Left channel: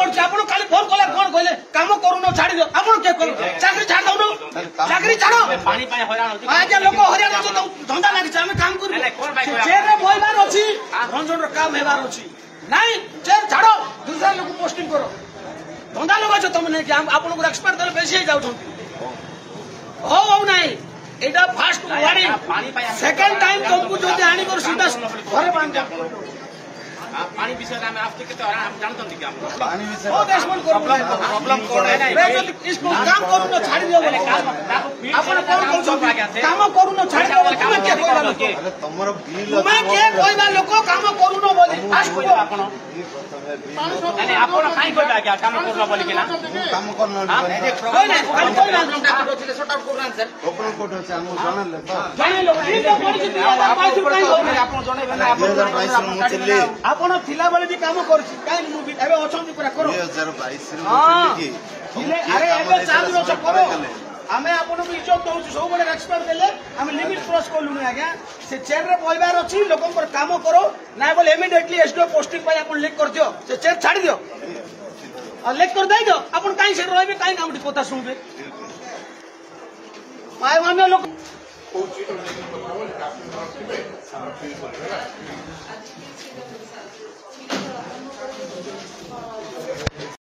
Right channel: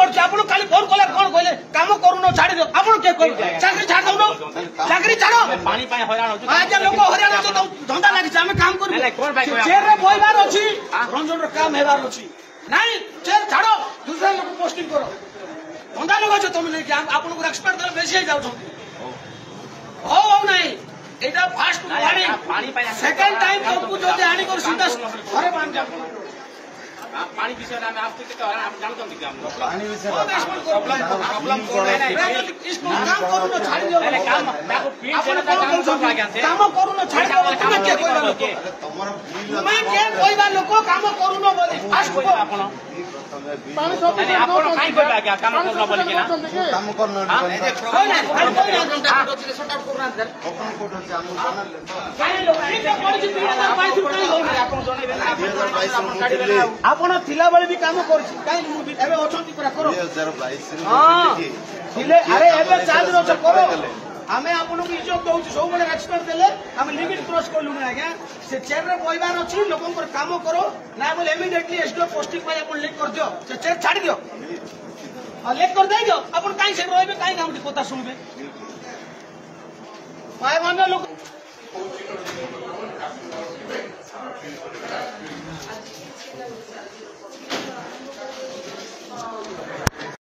पड़े आप फोन कले कौन कहले कम करूनो छाड़ी दो आप चाकरी छाड़ दौन चाकरी छाड़ आज लोक हरियाणा धंदा लगी आम काम कर चेयर बहबार अच्छी रंजन काम हेबार अच्छी नाई चेयर छाड़ दूसरा लोग पोस्टिंग करो धंदा लगे तुम नहीं आपको एक्सपर्ट बेसी जाऊँ हो ना एटा फास्ट वार्निंग सेकंड टाइम तुमको जो आनी कर सीधा घरे बांध पानी विषय में आपसे कितने आप जानते हैं क्या पानी विषय प्रॉब्लम इसको काम करू न छाड़ी दो काम करू न छाड़ी दो काम के कोइबा के तमरो बिल मैं के कोइबा लोक काम करू न बोली फास्ट को आपण नहीं आपण काई कोइबा क्या काम करू न बोली के ना काम करू न कोई नहीं कोई शॉर्ट आउट करू सर ओपन कोटन से हम जानल जाने लोग ठीक है पड़ी आपण जणाइबे ना आपण आपण थिला बेले भी काम करछि काई मु एबे अछंती पूरा करो 2022 रे अरे एबे चाल रोच करो हमें आपन को इज्जत दउ सब बड़े एक्सपर्ट देले हम लिमिट क्रॉस करलु न आज्ञा से चेयर रे बइबार अछि लोकन पर काम करो ना बोले इमीडिएटली एसडीओ पोस्टिंग पर आपन लिख कर दियो से चेयर छाड़ी दियो और लिख कर दे दियो आपन काई से रहबे काई नाम कोता सुनबे माय मान्य लोक